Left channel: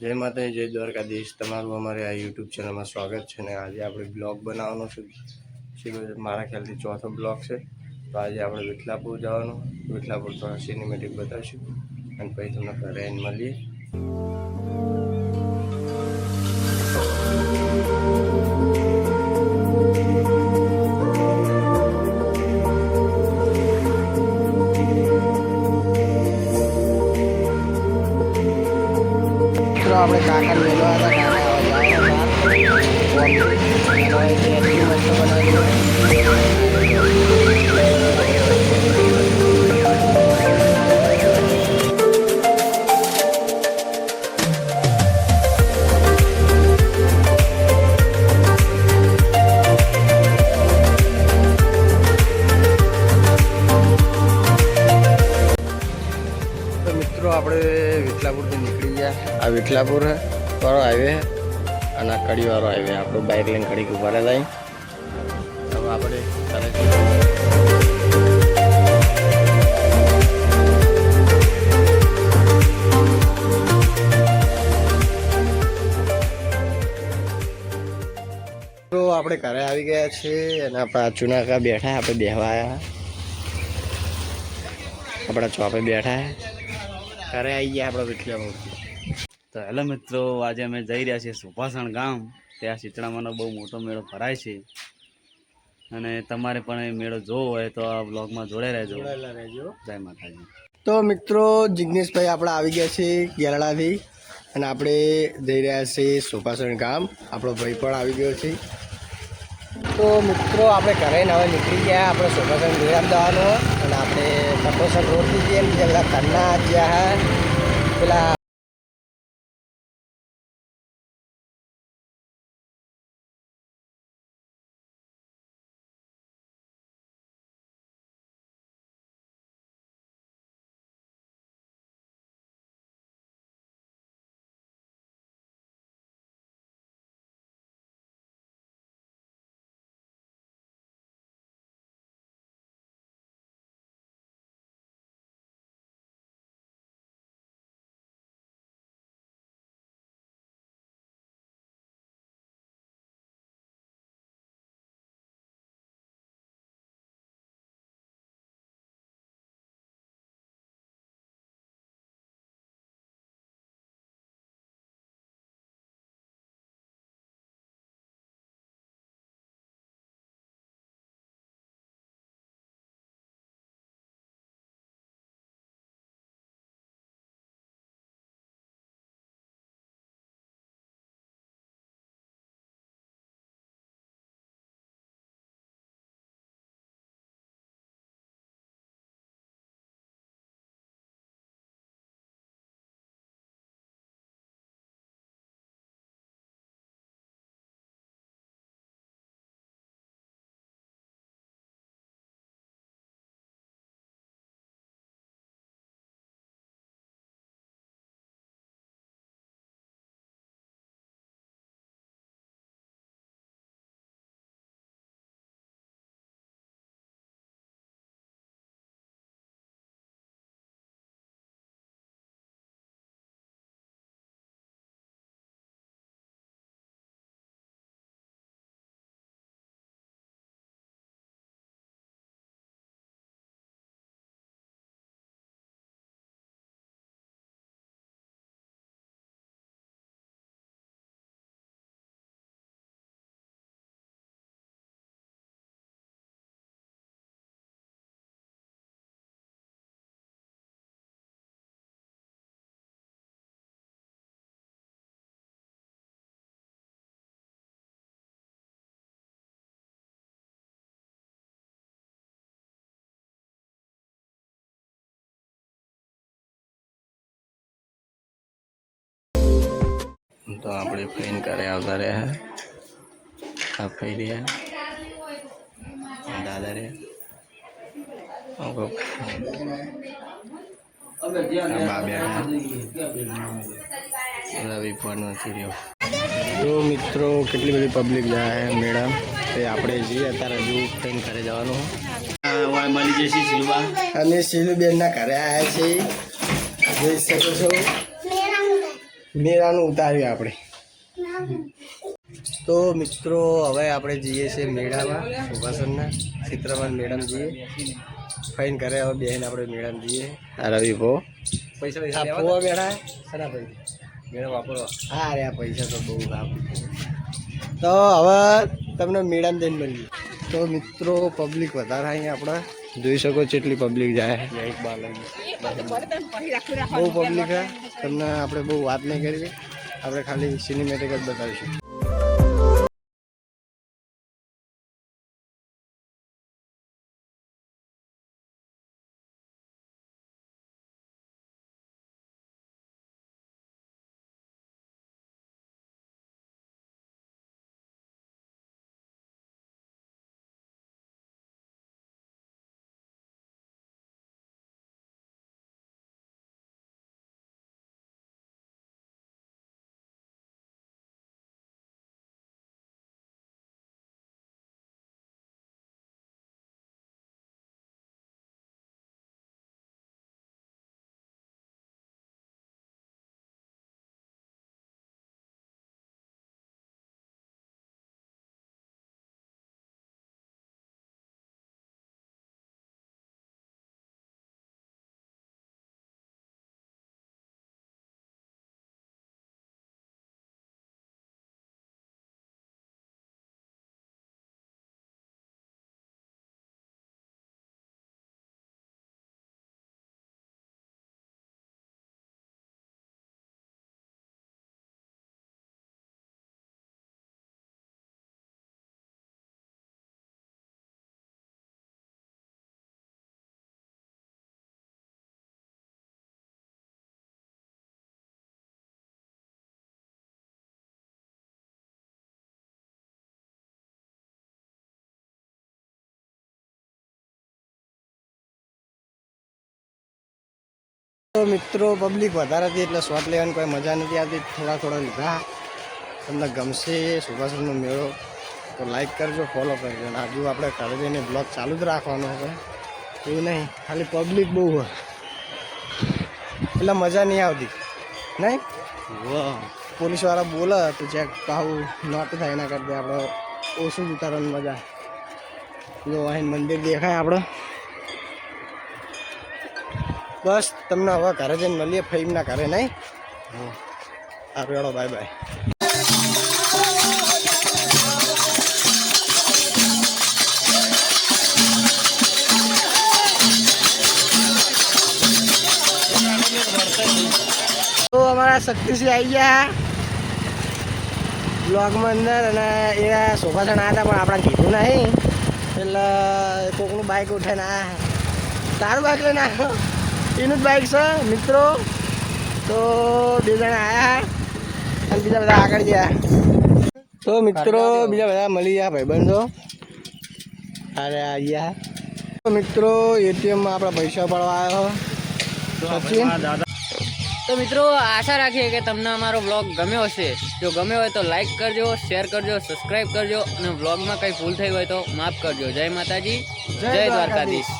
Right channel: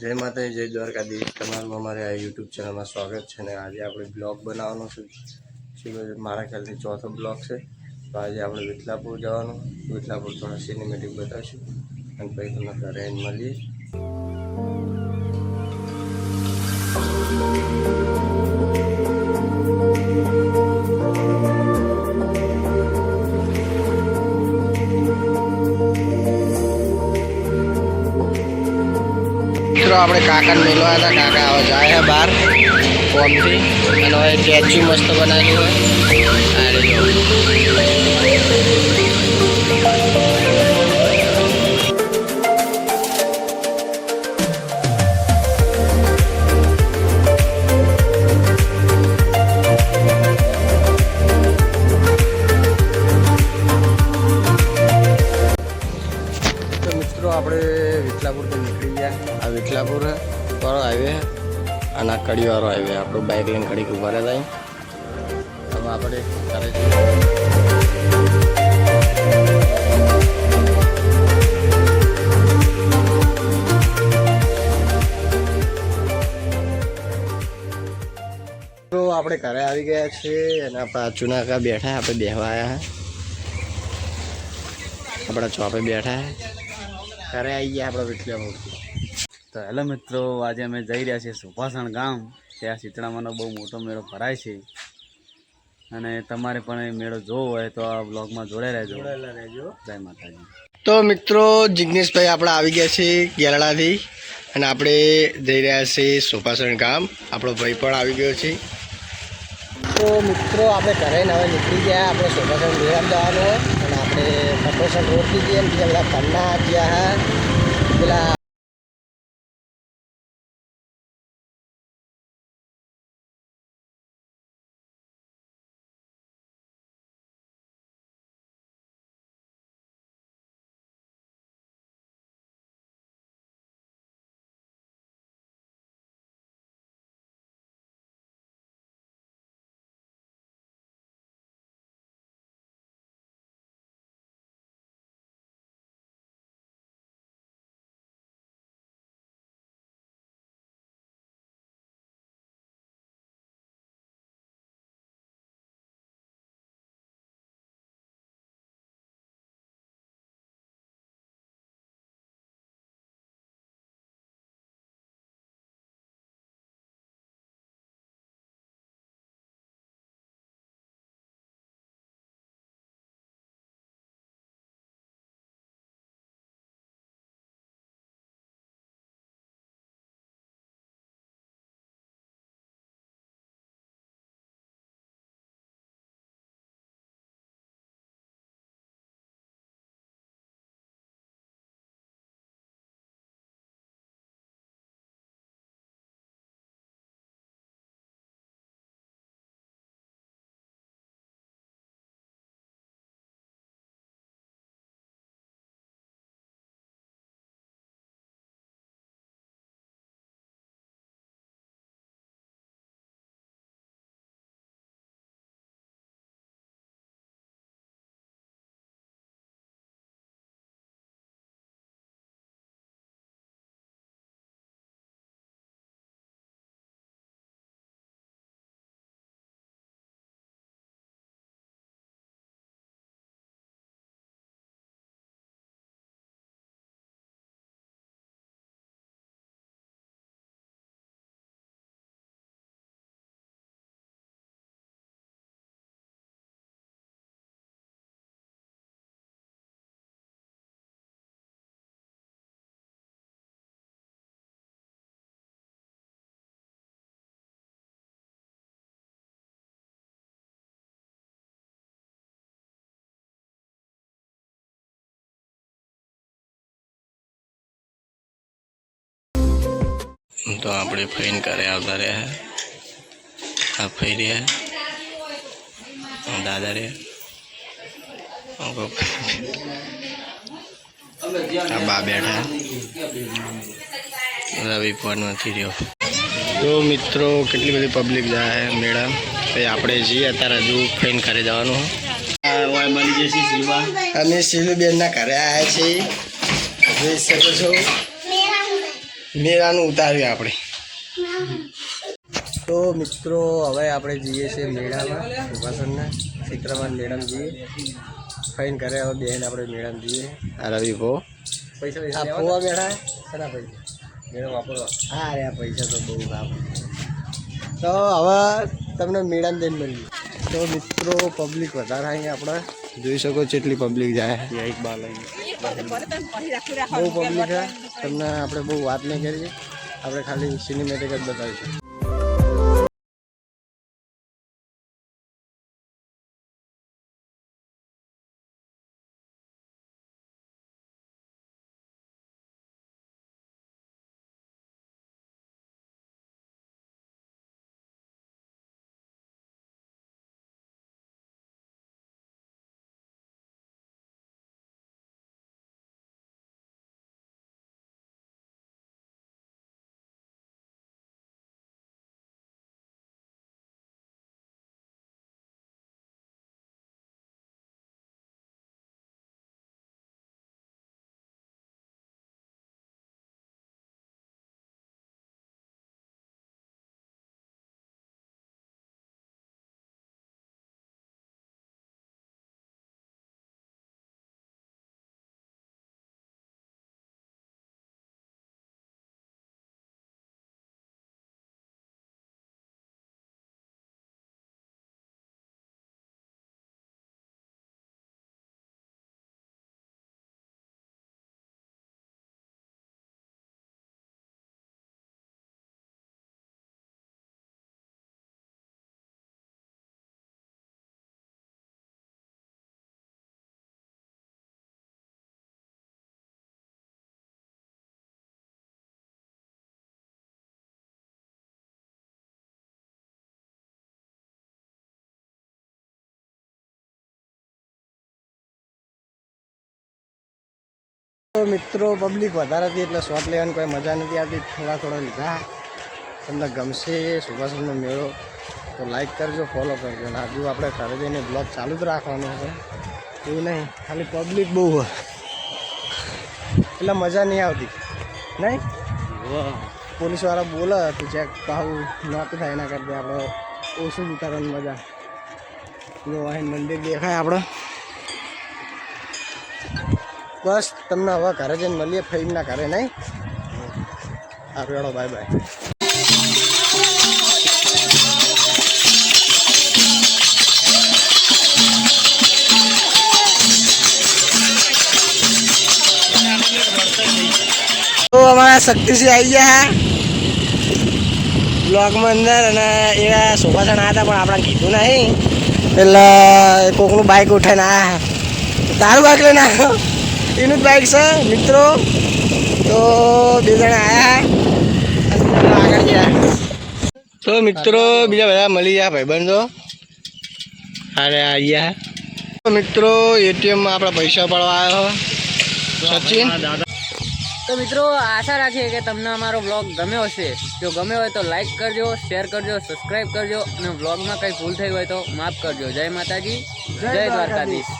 જય માતા જય દ્વારકાધીશ. તમારું અમારે આ યુટ્યુબ ચેનલમાં સ્વાગત છે ને આજે આપણે બ્લોગ બનાવવાનો છે. મારા ખ્યાલથી ચોથો બ્લોગ છે. તો આજે આપણે વિઠલાપુર જવાનું. વિઠલાપુર થોડા સિનેમેટિક બતાવીશું. અને પછી તમને ઘરે મળીએ. આપણે કાકાને મેળવા હતા. કાકા હવે જાય છે બહાર કોમથી. અને હવે ટેચી મસ્ત બનાવેલી હોય આ જો. આપણે વિઠલાપુરથી નીકળી ગયા આ વિઠલાપુર વાળો હાઈવે અને આ કડીવાળો હાઈવે આપણું બાઇક લઈને કડીક ઊભા રહ્યા હવે આપણે કરે તો આપણે ઘરે આવી ગયા છીએ અને આપણા ચુનાકા બેઠા આપણે બેહવા આવ્યા આપણા ચોપે બેઠા ઘરે આવી ગયા આપણે વિઠલાપુરથી તો હેલો મિત્રો આજે અમે જઈ રહ્યા છીએ સુભાષણ ગામ. ત્યાં શીતળામાંનો બહુ મોટો મેળો ભરાય છે. અને તમારે પણ એ મેળો જોવો હોય તો આ બ્લોગમાં જોડે રહેજો. રહેજો. જય માતાજી. તો મિત્રો જિગ્નેશભાઈ આપણે આવી ગયા છે ગેરડાથી અને આપણે જઈ રહ્યા છીએ સુભાષણ ગામ. આપણો ભાઈ પણ આવી ગયો છે. તો મિત્રો આપણે ઘરે ને હવે નીકળી ગયા. આપણે સુભાષણ ગામ જવાનું. આપણે કપોસણ રોડથી જઈએ ને બીજા બધા કન્ના ગયા હા પેલા તો આપણે ફઈને કરે આવતા રહ્યા આ ફઈ રહ્યા દાદા રહ્યા આ બા બેઠા રવિ પણ નથી રહ્યો. તો મિત્રો કેટલી બધી પબ્લિક જાય મેળા. પછી આપણે જઈએ અત્યારે હજુ ફઈને ઘરે જવાનું અને જશે બેનના ઘરે આવ્યા છે. જોઈ શકો છો. મેળાનું ઉતાર્યું આપણે. તો મિત્રો હવે આપણે જઈએ છીએ મેળામાં ઉપાસનના ચિત્રમાં મેડમ જઈએ. ફાઈન કરે હવે બેન આપણે મેડમ જઈએ. આ રવિ ભો. પૈસા પૈસા ફોવા બેઠા સના પૈસા? મેડમ વાપરવા. હા અરે આ પૈસા તો બહુ કામ તો હવે તમને મેડમ જઈને મળીએ. તો મિત્રો પબ્લિક વધારે અહીંયા આપણે જોઈ શકો છો એટલી પબ્લિક જાય. એક બાર લઈને બહુ પબ્લિક છે. તમને આપણે બહુ વાત નહીં કરીએ આપણે ખાલી સિનેમેટિક જ બતાવીશું. મિત્રો પબ્લિક વધારે હતી એટલે શોટ લેવાની કોઈ મજા નથી આવતી. થોડા થોડા લીધા. તમને ગમશે સુભાષનો મેળો. તો લાઈક કરજો ફોલો કરજો. અને હજુ આપણે ઘરે જઈને બ્લોગ ચાલુ જ રાખવાનો હોય એવું નહીં ખાલી પબ્લિક બહુ હોય. એટલે મજા નહીં આવતી. નહીં? પોલીસવાળા બોલે તો ચેક પાહુ નોટ થાય એના કરતા આપણે ઓછું ઉતારવાની મજા. જો અહીં મંદિર દેખાય આપણે. બસ, તમને હવે ઘરે જઈને મળીએ, ફઈમના ઘરે, નહીં? આપણે બાય બાય. તો અમારા શક્તિસિંહ આવી ગયા બ્લોગમાં અંદર અને એવા સોફાસણ આવ્યા હતા, પણ આપણે કીધું નહીં. એટલે કોકનું બાઇક ઉઠાઈને આ તારું બાઇક લઈને આવ્યો? એનું બાઇક છે મિત્રો. તો બે જણા આવ્યા અને બીજા બધા આગળ ગયા. તો મિત્રો બીજા બધા મળી ગયા ભાઈબંધો. અરે આવ્યા તો મિત્રો એટીએમમાં આપણે પૈસા પડવા આવ્યો સચિન? તો મિત્રો આશા રાખીએ કે તમને અમારો બ્લોગ ગમ્યો હશે. જો ગમ્યો હોય તો લાઈક કરજો શેર કરજો સબસ્ક્રાઈબ કરજો અને બ્લોગમાં કંઈ ભૂલ થઈ હોય તો માફ કરજો. જય માતાજી જય દ્વારકાધીશ.